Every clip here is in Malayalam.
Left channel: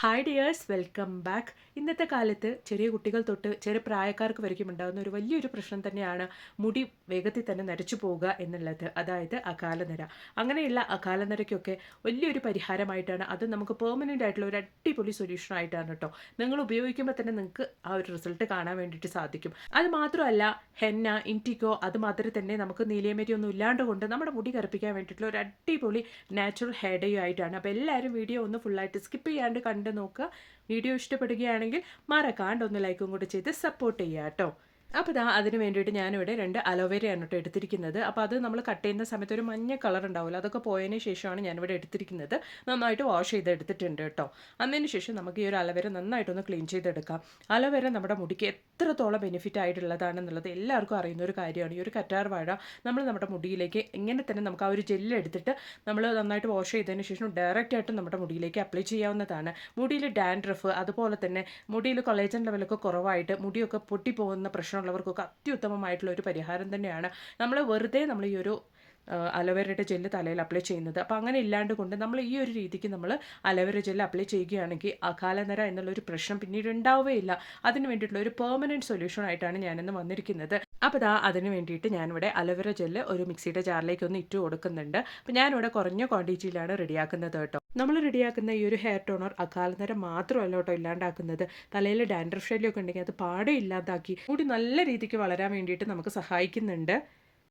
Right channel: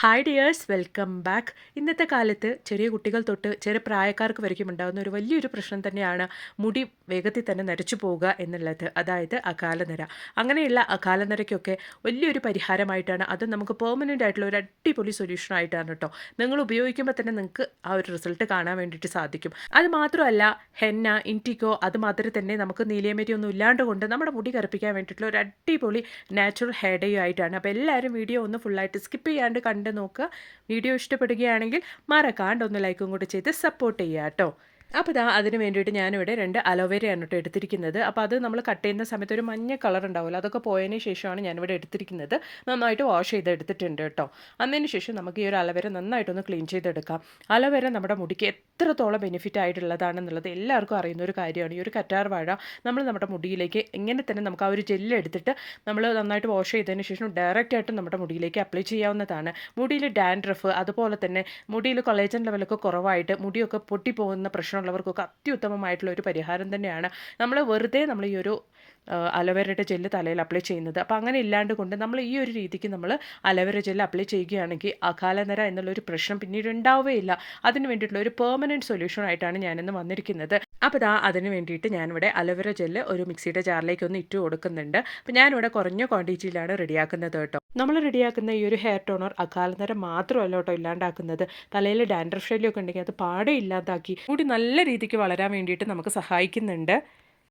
Hi dears, welcome back. ഇന്നത്തെ കാലത്ത് ചെറിയ കുട്ടികൾ തൊട്ട് ചെറിയ പ്രായക്കാർക്ക് വരയ്ക്കും ഉണ്ടാകുന്ന ഒരു വലിയൊരു പ്രശ്നം തന്നെയാണ് മുടി വേഗത്തിൽ തന്നെ നരച്ചു പോവുക എന്നുള്ളത്, അതായത് അകാലനര. അങ്ങനെയുള്ള അകാലനരയ്ക്കൊക്കെ വലിയൊരു പരിഹാരമായിട്ടാണ്, അത് നമുക്ക് പെർമനൻ്റ് ആയിട്ടുള്ള ഒരു അടിപൊളി സൊല്യൂഷൻ ആയിട്ടാണ് കേട്ടോ. നിങ്ങൾ ഉപയോഗിക്കുമ്പോൾ തന്നെ നിങ്ങൾക്ക് ആ ഒരു റിസൾട്ട് കാണാൻ വേണ്ടിയിട്ട് സാധിക്കും. അത് മാത്രമല്ല, ഹെന്ന, ഇൻറ്റിക്കോ അത് മാത്രമേ തന്നെ നമുക്ക് നീലിയമരി ഒന്നും ഇല്ലാണ്ട് കൊണ്ട് നമ്മുടെ മുടി കറുപ്പിക്കാൻ വേണ്ടിയിട്ടുള്ള ഒരു അടിപൊളി നാച്ചുറൽ ഹെയർ ഡേ ആയിട്ടാണ്. അപ്പോൾ എല്ലാവരും വീഡിയോ ഒന്ന് ഫുള്ളായിട്ട് സ്കിപ്പ് ചെയ്യാണ്ട് കണ്ട് നോക്കുക. വീഡിയോ ഇഷ്ടപ്പെടുകയാണെങ്കിൽ മറക്കാണ്ട് ഒന്ന് ലൈക്കും കൂടി ചെയ്ത് സപ്പോർട്ട് ചെയ്യുക കേട്ടോ. അപ്പോൾ അതിന് വേണ്ടിയിട്ട് ഞാനിവിടെ 2 അലോവേരയാണ് കേട്ടോ എടുത്തിരിക്കുന്നത്. അപ്പോൾ അത് നമ്മൾ കട്ട് ചെയ്യുന്ന സമയത്ത് ഒരു മഞ്ഞ കളർ ഉണ്ടാവില്ല, അതൊക്കെ പോയതിന് ശേഷമാണ് ഞാനിവിടെ എടുത്തിരിക്കുന്നത്. നന്നായിട്ട് വാഷ് ചെയ്ത് എടുത്തിട്ടുണ്ട് കേട്ടോ. അതിന് ശേഷം നമുക്ക് ഈ ഒരു അലോവേര നന്നായിട്ടൊന്ന് ക്ലീൻ ചെയ്തെടുക്കാം. അലോവേര നമ്മുടെ മുടിക്ക് എത്രത്തോളം ബെനിഫിറ്റ് ആയിട്ടുള്ളതാണെന്നുള്ളത് എല്ലാവർക്കും അറിയുന്ന ഒരു കാര്യമാണ്. ഈ ഒരു കറ്റാർ വാഴ നമ്മൾ നമ്മുടെ മുടിയിലേക്ക് ഇങ്ങനെ തന്നെ നമുക്ക് ആ ഒരു ജെല്ല് എടുത്തിട്ട് നമ്മൾ നന്നായിട്ട് വാഷ് ചെയ്തതിന് ശേഷം ഡയറക്റ്റായിട്ട് നമ്മുടെ മുടിയിലേക്ക് അപ്ലൈ ചെയ്യാവുന്നതാണ്. മുടിയിൽ ഡാൻഡ്രഫ്, അതുപോലെ തന്നെ മുടിയിൽ കൊളേജൻ ലെവലൊക്കെ കുറവായിട്ട് മുടിയൊക്കെ പൊട്ടിപ്പോകുന്ന പ്രശ്നമുള്ളവർക്കൊക്കെ അത്യുത്തമമായിട്ടുള്ള ഒരു പരിഹാരം തന്നെയാണ്. നമ്മൾ ഈ ഒരു അലോവേരയുടെ ജെല്ല് തലയിൽ അപ്ലൈ ചെയ്യുന്നത്. അപ്പോൾ അങ്ങനെ ഇല്ലാണ്ട് കൊണ്ട് നമ്മൾ ഈ ഒരു രീതിക്ക് നമ്മൾ അലോവേര ജെല്ല് അപ്ലൈ ചെയ്യുകയാണെങ്കിൽ അകാലനര എന്നുള്ളൊരു പ്രശ്നം പിന്നീട് ഉണ്ടാവുകയില്ല. അതിന് വേണ്ടിയിട്ടുള്ള ഒരു പെർമനൻറ്റ് സൊല്യൂഷൻ ആയിട്ടാണ് ഞാനിന്ന് വന്നിരിക്കുന്നത്. അപ്പോൾ അതിന് വേണ്ടിയിട്ട് ഞാനിവിടെ അലോവേര ജെല്ല് ഒരു മിക്സിയുടെ ജാറിലേക്ക് ഒന്ന് ഇട്ട് കൊടുക്കുന്നുണ്ട്. അപ്പോൾ ഞാനിവിടെ കുറഞ്ഞ ക്വാണ്ടിറ്റിയിലാണ് റെഡിയാക്കുന്നത് കേട്ടോ. നമ്മൾ റെഡിയാക്കുന്ന ഈ ഒരു ഹെയർ ടോണർ അകാലനര മാത്രമല്ല കേട്ടോ ഇല്ലാണ്ടാക്കുന്നത്. തലയിൽ ഡാൻഡ്രഫ് ശല്യമൊക്കെ ഉണ്ടെങ്കിൽ അത് പാടെ ഇല്ലാതാക്കി മുടി നല്ല രീതിക്ക് വളരാൻ വേണ്ടിയിട്ട് നമുക്ക് സഹായിക്കുന്നുണ്ട്.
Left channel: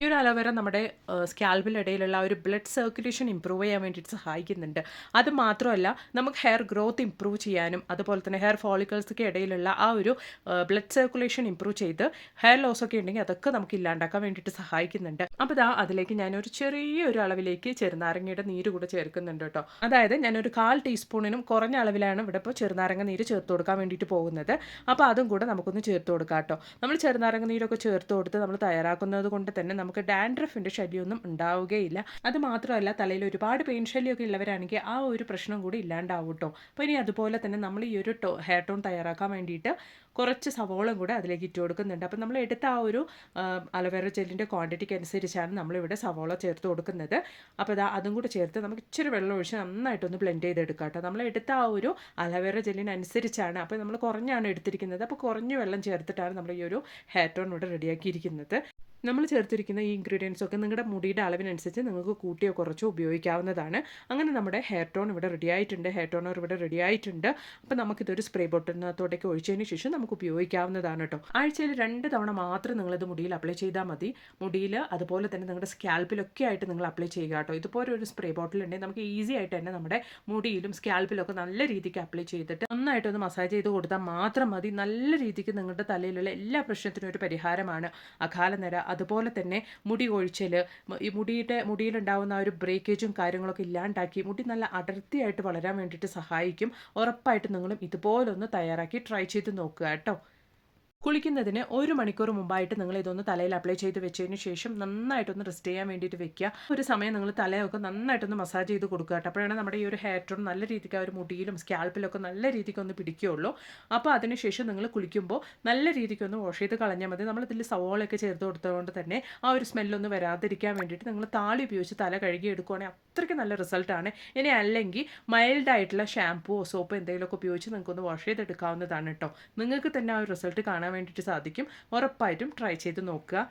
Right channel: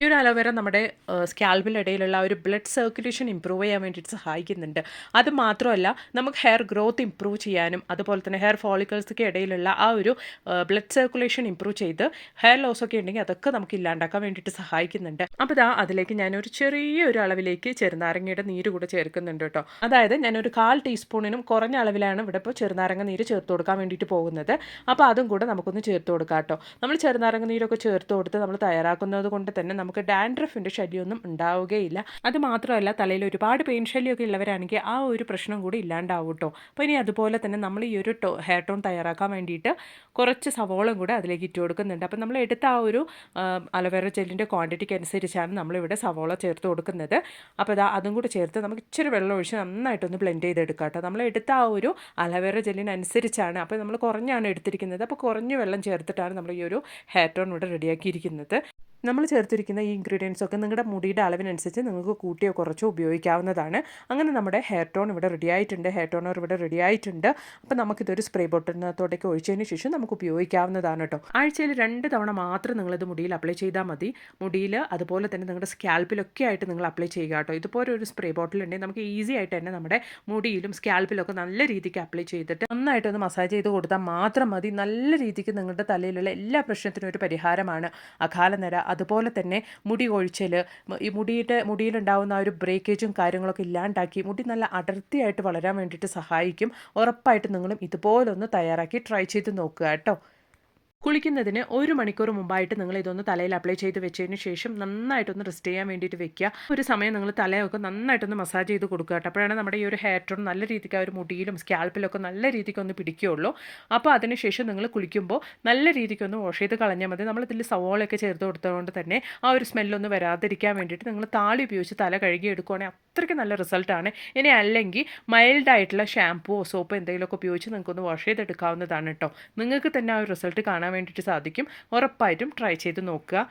ഈ ഒരു അലോവേര നമ്മുടെ സ്കാൽപ്പിനിടയിലുള്ള ഒരു ബ്ലഡ് സർക്കുലേഷൻ ഇമ്പ്രൂവ് ചെയ്യാൻ വേണ്ടിയിട്ട് സഹായിക്കുന്നുണ്ട്. അത് മാത്രമല്ല, നമുക്ക് ഹെയർ ഗ്രോത്ത് ഇമ്പ്രൂവ് ചെയ്യാനും അതുപോലെ തന്നെ ഹെയർ ഫോളിക്കിൾസൊക്കെ ഇടയിലുള്ള ആ ഒരു ബ്ലഡ് സർക്കുലേഷൻ ഇമ്പ്രൂവ് ചെയ്ത് ഹെയർ ലോസ് ഒക്കെ ഉണ്ടെങ്കിൽ അതൊക്കെ നമുക്ക് ഇല്ലാണ്ടാക്കാൻ വേണ്ടിയിട്ട് സഹായിക്കുന്നുണ്ട്. അപ്പോൾ അതിലേക്ക് ഞാനൊരു ചെറിയൊരു അളവിലേക്ക് ചെറുനാരങ്ങയുടെ നീര് കൂടെ ചേർക്കുന്നുണ്ട് കേട്ടോ. അതായത് ഞാനൊരു 1/4 ടീസ്പൂണിനും കുറഞ്ഞ അളവിലാണ് ഇവിടെ ഇപ്പോൾ ചെറുനാരങ്ങ നീര് ചേർത്ത് കൊടുക്കാൻ വേണ്ടിയിട്ട് പോകുന്നത്. അപ്പോൾ അതും കൂടെ നമുക്കൊന്ന് ചേർത്ത് കൊടുക്കാം കേട്ടോ. നമ്മൾ ചെറുനാരങ്ങ നീരൊക്കെ ചേർത്ത് കൊടുത്ത് നമ്മൾ തയ്യാറാക്കുന്നത് കൊണ്ട് തന്നെ നമുക്ക് ഡാൻഡ്രഫിൻ്റെ ശല്യമൊന്നും ഉണ്ടാവുകയില്ല. അത് മാത്രമല്ല, തലയിൽ ഒരുപാട് പെയിൻ ശല്യമൊക്കെ ഉള്ളവരാണെങ്കിൽ ആ ഒരു പ്രശ്നം കൂടി ഇല്ലാണ്ടാവും കേട്ടോ. അപ്പോൾ ഇനി അതുപോലെ തന്നെ നമ്മൾ ഈ ഒരു ഹെയർ ടോൺ തയ്യാറാക്കാൻ വേണ്ടിയിട്ട് കുറച്ച് സവോളം കൂടെ അതിലേക്ക് ഇട്ട് കൊടുക്കുന്നുണ്ട്. അപ്പോൾ നമ്മൾ എടുത്ത ആ ഒരു അലോവേര ജെല്ലിൻ്റെ ക്വാണ്ടിറ്റിക്ക് അനുസരിച്ചാണ് നമ്മളിവിടെ സവോള ചേർത്ത് കൊടുക്കുന്നത്. അപ്പോൾ അതും കൂടി ചേർത്ത് നമുക്ക് ഇച്ചിരി വെള്ളം ഒഴിച്ച് നന്നായിട്ടൊന്ന് ബ്ലെൻഡ് ചെയ്തെടുക്കാം കേട്ടോ. നമ്മൾ എടുത്ത ആ ഒരു അലോവേര ജെല്ലിനനുസരിച്ചാണ്, അപ്പോൾ നമ്മൾ കുറഞ്ഞാണ് എടുത്തിരിക്കുന്നത്. അപ്പോൾ കുറഞ്ഞ വെള്ളം ചേർത്തിട്ടാണ് നമ്മൾ ഈ ഒരു ഹെയർ ടോൺ ഇവിടെ റെഡിയാക്കിയിരിക്കുന്നത്. നമ്മൾ ചേർത്തിരിക്കുന്ന ഈ ഇൻഗ്രീഡിയൻസ് ഒക്കെ നിങ്ങളുടെ മുടിയുടെ അളവിനനുസരിച്ച് നിങ്ങൾക്ക് കൂട്ടിയോ കുറച്ചോ ഉപയോഗിക്കാവുന്നതാണ്. അങ്ങനെ നമ്മുടെ ഹെയർ ടോൺ ഇവിടെ റെഡി ആയിട്ടുണ്ട്, ഹെയർ ടോണർ ഇവിടെ റെഡി ആയിട്ടുണ്ട്. അപ്പോൾ നമുക്കിതൊരു സ്പ്രേ ബോട്ടിലിനകത്തോട്ടേക്ക് ഒഴിച്ചതിന് ശേഷം നമുക്ക് ഉപയോഗിക്കാവുന്നതാണ് കേട്ടോ. ആഴ്ചയിൽ 2 തവണ മാത്രം നിങ്ങളിത് മുടിയിൽ അപ്ലൈ ചെയ്താൽ മതി. മുടിയിൽ അതുപോലെ തന്നെ നിങ്ങളുടെ സ്കാൽപ്പിലൊക്കെ ആയിട്ട് നിങ്ങൾ അപ്ലൈ ചെയ്യുക കേട്ടോ. ഇതുപോലെ ഒരു സ്പ്രേ ബോട്ടിൽ ഉണ്ടെങ്കിൽ നമുക്ക് ഈസി ആയിട്ട് തന്നെ നമ്മുടെ മുടിയിലും സ്കാൽപ്പിലൊക്കെ നല്ല രീതിക്ക് അപ്ലൈ ചെയ്തിട്ട് നന്നായിട്ടൊന്ന് മസാജ് ചെയ്ത് കൊടുത്താൽ മാത്രം മതി. നല്ല രീതിക്ക് നിങ്ങളുടെ തലയിലുള്ള എല്ലാ പ്രശ്നത്തിനും ഒരു പരിഹാരമാണ് അകാലനര. അതുപോലെ തന്നെ മുടി കൊഴിച്ചൽ, ഈ മുടിയിലുണ്ടാകുന്ന ആ ഒരു ബ്രേക്കേജും കാര്യങ്ങളൊക്കെ ഇല്ലാണ്ടാക്കി മുടി നല്ല അടർത്തിയായിട്ട് വളരാൻ വേണ്ടിയിട്ട് സഹായിക്കും. ഉറപ്പായിട്ട് നിങ്ങളും ഇതുപോലൊന്ന് തയ്യാറാക്കി ട്രൈ ചെയ്ത് നോക്കുക കേട്ടോ. കുളിക്കുന്നതിന് 1 മണിക്കൂർ മുമ്പായിട്ട് നിങ്ങൾ ഇതൊന്ന് തലയിൽ അപ്ലൈ ചെയ്ത് വെച്ചതിന് ശേഷം നന്നായിട്ടൊന്ന് റെസ്റ്റ് ചെയ്യാൻ വേണ്ടിയിട്ട് വെക്കുക. ഒരു സമയം നിങ്ങൾ തലയൊക്കെ നന്നായിട്ടൊന്ന് മസാജ് ചെയ്ത് കൊടുക്കുക കേട്ടോ. അപ്പോഴാണ് നമ്മുടെ ഈ ഒരു ഹെയർ ടോൺ നല്ല രീതിക്ക് ആ ഒരു മുടിയിലും സ്കാൽപ്പിലൊക്കെ നല്ല രീതിക്ക് ഒന്ന് പിടിക്കുകയുള്ളൂ. അപ്പോൾ അതിനുശേഷം നിങ്ങൾ കുളിക്കുമ്പോൾ നല്ല രീതിക്കൊന്ന് വാഷ് ചെയ്ത് കളഞ്ഞാൽ മതി. നമ്മളിതിൽ സവോളയൊക്കെ ചേർത്ത് കൊടുത്തതുകൊണ്ട് തന്നെ ആ ഒരു സ്മെല്ലൊന്ന് വരാതിരിക്കാൻ വേണ്ടിയിട്ട് നിങ്ങൾ താളി ഉപയോഗിച്ച് തല കഴുകി എടുക്കുകയാണെങ്കിൽ അത്രയ്ക്ക് നല്ല റിസൾട്ടാണ്. ഇനി അല്ലെങ്കിൽ മൈൽഡായിട്ടുള്ള ഷാമ്പുവോ സോപ്പോ എന്തെങ്കിലുമൊക്കെ ഉപയോഗിച്ച് നിങ്ങൾക്കൊന്ന് വാഷ് ചെയ്തെടുക്കാവുന്നതാണ് കേട്ടോ. നിങ്ങൾക്ക് തന്നെ ആ ഒരു റിസൾട്ട് കാണാൻ വേണ്ടിയിട്ട് സാധിക്കും. ഉറപ്പായിട്ടും ട്രൈ ചെയ്ത് നോക്കുക.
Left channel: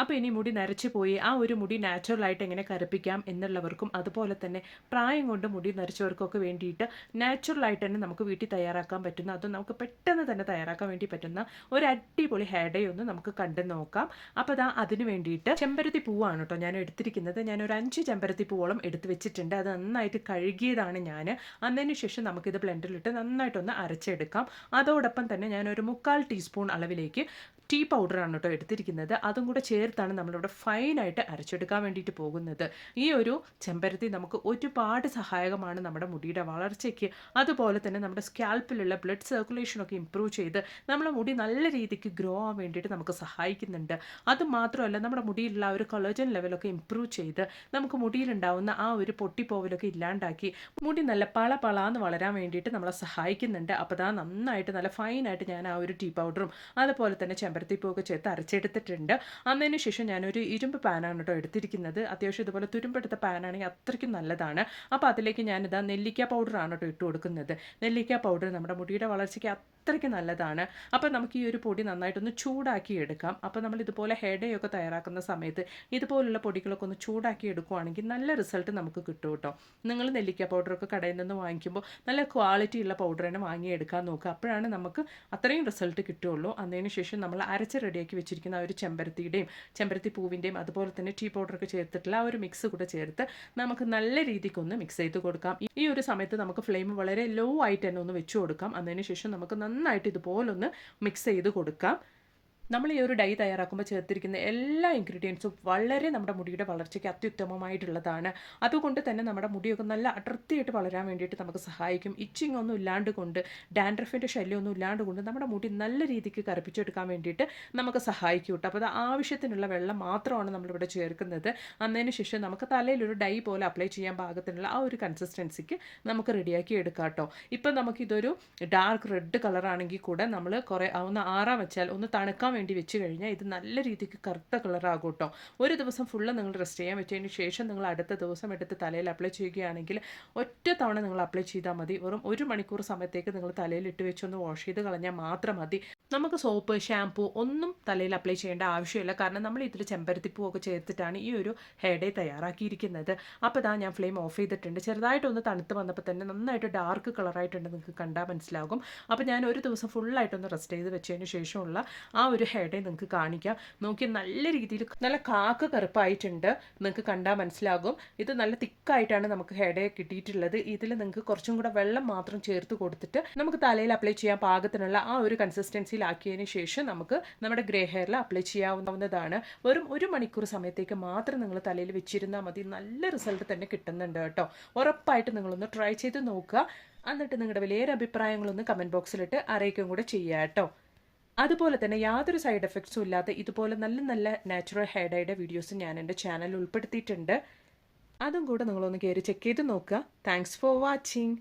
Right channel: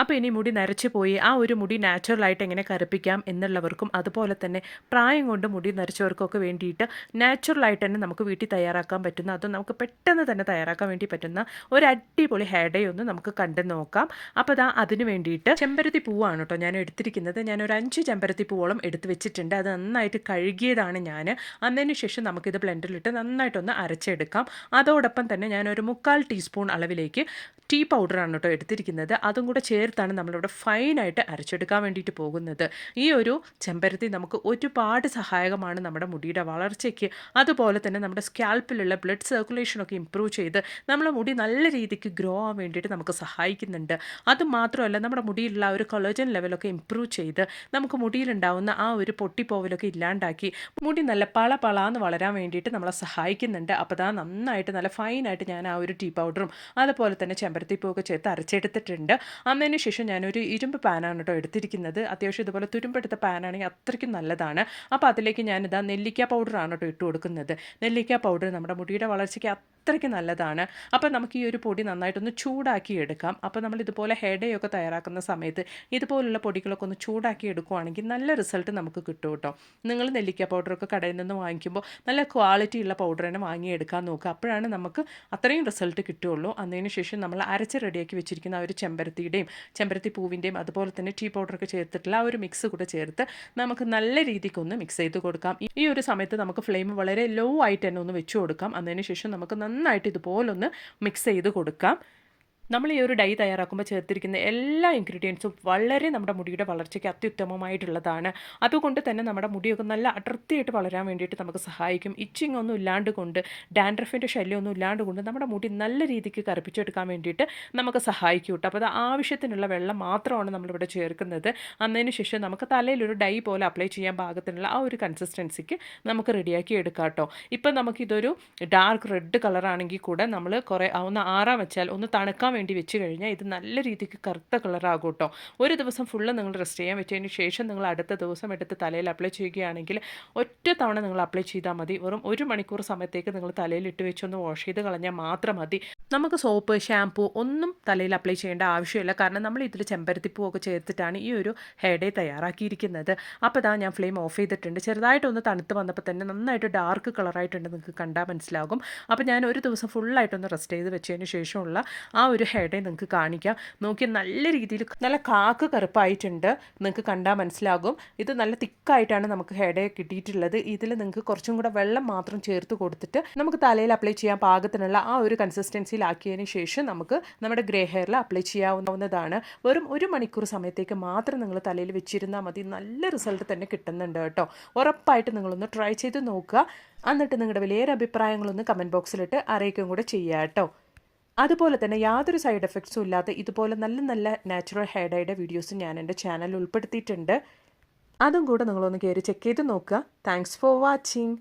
അപ്പോൾ ഇനി മുടി നരച്ചു പോയി ആ ഒരു മുടി നാച്ചുറലായിട്ട് എങ്ങനെ കറുപ്പിക്കാം എന്നുള്ളവർക്കും, അതുപോലെ തന്നെ പ്രായം കൊണ്ട് മുടി നരച്ചവർക്കൊക്കെ വേണ്ടിയിട്ട് നാച്ചുറലായിട്ട് തന്നെ നമുക്ക് വീട്ടിൽ തയ്യാറാക്കാൻ പറ്റുന്ന, അതും നമുക്ക് പെട്ടെന്ന് തന്നെ തയ്യാറാക്കാൻ വേണ്ടി പറ്റുന്ന ഒരു അടിപൊളി ഹെയർ ഡേ ഒന്ന് നമുക്ക് കണ്ടു നോക്കാം. അപ്പോൾ അതിന് വേണ്ടിയിട്ട് ചെമ്പരത്തി പൂവാണ് കേട്ടോ ഞാൻ എടുത്തിരിക്കുന്നത്. ഞാനൊരു 5 ചെമ്പരത്തി പൂവോളം എടുത്ത് വെച്ചിട്ടുണ്ട്. അത് നന്നായിട്ട് കഴുകിയതാണ് ഞാൻ. അതിന് ശേഷം നമുക്കിത് ബ്ലെൻഡറിലിട്ട് നന്നായിട്ടൊന്ന് അരച്ചെടുക്കാം. അതോടൊപ്പം തന്നെ ഞാനൊരു 1/4 ടീസ്പൂൺ അളവിലേക്ക് ടീ പൗഡറാണ് കേട്ടോ എടുത്തിരിക്കുന്നത്. അതും കൂടെ ചേർത്താണ് നമ്മളിവിടെ ഫൈനായിട്ട് അരച്ചെടുക്കാൻ വേണ്ടിയിട്ട് പോകുന്നത്. ഈ ഒരു ചെമ്പരത്തി നമുക്ക് ഒരുപാട് സഹായകമാണ് നമ്മുടെ മുടിയുടെ വളർച്ചയ്ക്ക്. അതുപോലെ തന്നെ നമ്മുടെ സ്കാൽപ്പിലുള്ള ബ്ലഡ് സർക്കുലേഷനൊക്കെ ഇമ്പ്രൂവ് ചെയ്ത് നമ്മളെ മുടി നല്ല രീതിക്ക് ഗ്രോ ആവാൻ വേണ്ടിയിട്ട് നമുക്ക് സഹായിക്കുന്നുണ്ട്. അതുമാത്രമല്ല, നമ്മുടെ മുടിയിലുള്ള ഒരു കൊളേജൻ ലെവലൊക്കെ ഇമ്പ്രൂവ് ചെയ്ത് നമുക്ക് മുടിയിലുണ്ടാവുന്ന ആ ഒരു പൊട്ടിപ്പോവലൊക്കെ ഇല്ലാണ്ടാക്കി മുടി നല്ല പളാന്ന് വളരാൻ വേണ്ടിയിട്ട് നമ്മളെ സഹായിക്കുന്നുണ്ട്. അപ്പോൾ നന്നായിട്ട് നല്ല ഫൈനായിട്ട് ഞാൻ ആ ഒരു ടീ പൗഡറും അതുപോലെ തന്നെ ചെമ്പരത്തിപ്പൂവൊക്കെ ചേർത്ത് അരച്ചെടുത്തിട്ടുണ്ട്. അതിനുശേഷം ഞാനൊരു ഇരുമ്പ് പാനാണ് കേട്ടോ എടുത്തിരിക്കുന്നത്. അത്യാവശ്യം ഇതുപോലെ തുരുമ്പെടുത്ത പാനാണെങ്കിൽ അത്രയ്ക്കും നല്ലതാണ്. അപ്പോൾ അതിലേക്ക് ഞാനിതാ നെല്ലിക്ക പൗഡറാണ് കേട്ടോ ഇട്ട് കൊടുക്കുന്നത്. നെല്ലിക്ക പൗഡർ നമ്മുടെ മുടിയുടെ വളർച്ചയ്ക്ക് അത്രയ്ക്ക് നല്ലതാണ്. അപ്പോൾ നമുക്ക് ഈ ഒരു പൊടി നന്നായിട്ടൊന്ന് ചൂടാക്കി എടുക്കാം. അപ്പോൾ നമ്മൾ ഇതുപോലെ ഹെയർ ഡേ ഒക്കെ തയ്യാറാക്കുന്ന സമയത്ത് ഇതുപോലുള്ള പൊടികളൊക്കെ ഒന്ന് ചൂടാക്കി എടുക്കുകയാണെങ്കിൽ നല്ല റിസൾട്ട് നമുക്ക് കിട്ടും കേട്ടോ. നിങ്ങൾ നെല്ലിക്ക പൗഡറൊക്കെ കടയിൽ നിന്ന് വാങ്ങിക്കുമ്പോൾ നല്ല ക്വാളിറ്റി ഉള്ള പൗഡർ തന്നെ വാങ്ങിയെടുക്കാൻ നോക്കുക. അപ്പോഴാണ് നമുക്ക് അത്രയും റിസൾട്ട് കിട്ടുകയുള്ളൂ. അതിന് ശേഷം നമ്മൾ അരച്ച് റെഡിയാക്കി വെച്ചിരിക്കുന്ന ആ ഒരു ചെമ്പരത്തി പൂവിൻ്റെയും അതുപോലെ തന്നെ ടീ പൗഡറൊക്കെ ചേർത്തിട്ടുള്ള ആ ഒരു മിക്സ് കൂടെ ചേർത്ത് നമുക്ക് നല്ല രീതിക്കൊന്ന് മിക്സ് ചെയ്ത് കൊടുക്കാം. ഈ ഒരു സമയത്ത് നമുക്ക് ഫ്ലെയിം വളരെ ലോ ആയിട്ട് തന്നെ ഒന്ന് വെച്ച് കൊടുക്കാം. അതിന് ശേഷം നമുക്ക് നന്നായിട്ട് ഇതുപോലൊന്ന് മിക്സ് ചെയ്ത് കൊടുക്കാം. നമ്മൾ ഈ ഒരു ഡൈ തയ്യാറാക്കുമ്പോൾ ചേർത്തിരിക്കുന്ന എല്ലാ ഇൻഗ്രീഡിയൻസും വളരെ നമ്മുടെ മുടിയുടെ വളർച്ചയ്ക്ക് അത്യുത്തമമായിട്ടുള്ളതാണ്. അതുകൊണ്ട് തന്നെ നമ്മുടെ മുടിയൊക്കെ നല്ല അടർത്തിയായിട്ട് വളരാൻ വേണ്ടിയിട്ട് നമുക്ക് സഹായിക്കും. ഇച്ചിങ് ഒന്നും ഇല്ലാണ്ട് കൊണ്ട്, ഡാൻഡ്രഫിൻ്റെ ശല്യമൊന്നും ഇല്ലാണ്ട് കൊണ്ട് നമ്മുടെ മുടി നല്ല രീതിക്ക് കറുപ്പിച്ചെടുക്കാൻ വേണ്ടിയിട്ട് നമുക്ക് സഹായിക്കും കേട്ടോ. അപ്പോൾ അത് ആവശ്യത്തിനുള്ള വെള്ളം മാത്രമാണ് നമ്മളിവിടെ ചേർക്കുന്നത്. അതിന് ശേഷം നമുക്ക് തലയിലൊരു ഡൈ പോലെ അപ്ലൈ ചെയ്യാൻ പാകത്തിനുള്ള ആ ഒരു കൺസിസ്റ്റൻസിക്ക് നമുക്ക് റെഡിയാക്കി എടുക്കാം കേട്ടോ. ഇപ്പം നമുക്കിതൊരു ഡാർക്ക് റെഡ് കളറാണെങ്കിൽ കൂടെ നമ്മൾ ഒന്ന് ആറാൻ വെച്ചാൽ ഒന്ന് തണുക്കാൻ വേണ്ടി വെച്ച് കഴിഞ്ഞാൽ ഇത് നല്ല രീതിക്ക് കറുത്ത കളറാകും കേട്ടോ. ഒരു ദിവസം ഫുള്ള് നിങ്ങൾ റെസ്റ്റ് ചെയ്യാൻ വെച്ചതിന് ശേഷം നിങ്ങൾ അടുത്ത ദിവസം എടുത്ത് തലയിൽ അപ്ലൈ ചെയ്യുകയാണെങ്കിൽ ഒറ്റ തവണ നിങ്ങൾ അപ്ലൈ ചെയ്താൽ മതി. വെറും 1 മണിക്കൂർ സമയത്തേക്ക് നിങ്ങൾ തലയിൽ ഇട്ട് വെച്ചൊന്ന് വാഷ് ചെയ്ത് കളഞ്ഞാൽ മാത്രം മതി. നമുക്ക് സോപ്പ്, ഷാമ്പൂ ഒന്നും തലയിൽ അപ്ലൈ ചെയ്യേണ്ട ആവശ്യമില്ല. കാരണം നമ്മൾ ഇതിൽ ചെമ്പരത്തിപ്പൂവൊക്കെ ചേർത്തിട്ടാണ് ഈ ഒരു ഹെയർ ഡേ തയ്യാറാക്കിയിരിക്കുന്നത്. അപ്പോൾ ഇതാ ഞാൻ ഫ്ലെയിം ഓഫ് ചെയ്തിട്ടുണ്ട്. ചെറുതായിട്ടൊന്ന് തണുത്ത് വന്നപ്പോൾ തന്നെ നന്നായിട്ട് ഡാർക്ക് കളറായിട്ടുണ്ട്, നിങ്ങൾക്ക് കണ്ടാൽ മനസ്സിലാകും. അപ്പോൾ ഞാൻ ഒരു ദിവസം ഫുള്ളായിട്ടൊന്ന് റെസ്റ്റ് ചെയ്ത് വെച്ചതിന് ശേഷമുള്ള ആ ഒരു ഹെയർ ഡേ നിങ്ങൾക്ക് കാണിക്കാം. നോക്കി നല്ല രീതിയിൽ നല്ല കാക്ക് കറുപ്പായിട്ടുണ്ട്, നിങ്ങൾക്ക് കണ്ടാൽ മനസ്സിലാകും. ഇത് നല്ല തിക്കായിട്ടാണ് നമുക്ക് ഹെയർ ഡേ കിട്ടിയിട്ടുള്ളത്. ഇതിൽ നിങ്ങൾക്ക് കുറച്ചും കൂടെ വെള്ളം മാത്രം ചേർത്ത് കൊടുത്തിട്ട് നമുക്ക് തലയിൽ അപ്ലൈ ചെയ്യാൻ പാകത്തിനുള്ള ആ ഒരു കൺസിസ്റ്റൻസിയിലാക്കിയതിന് ശേഷം നമുക്ക് നമ്മുടെ ഗ്രേ ഹെയറിൽ അപ്ലൈ ചെയ്യാവുന്നതാണ്. വെറും 1 മണിക്കൂർ സമയത്തേക്ക് മാത്രം നിങ്ങൾ തലയിൽ വെച്ചിരുന്നാൽ മതി. നല്ല റിസൾട്ട് തന്നെ കിട്ടുന്നുണ്ട് കേട്ടോ. ഉറപ്പായിട്ട് നിങ്ങളൊന്ന് ട്രൈ ചെയ്ത് നോക്കുക. എന്നിട്ട് നിങ്ങളുടെ വലിയൊരു അഭിപ്രായങ്ങളൊന്ന് കമൻറ്റ് ബോക്സിലിട്ട് അറിയിക്കുകയും കൂടെ ചെയ്യുക കേട്ടോ. അതുപോലെ തന്നെ യാതൊരു സൈഡ് എഫക്ട്സും ഇല്ലാത്ത ഇതുപോലെ നല്ല നല്ല നാച്ചുറൽ ഹെയർ ഡൈയുടെ വീഡിയോസ് ഞാൻ എൻ്റെ ചാനലിൽ ഉൾപ്പെടുത്തിയിട്ടുണ്ട്. അതും കൂടെ നിങ്ങളൊന്ന് കയറി ചെക്ക് ചെയ്ത് നോക്കുക. Thanks for watching.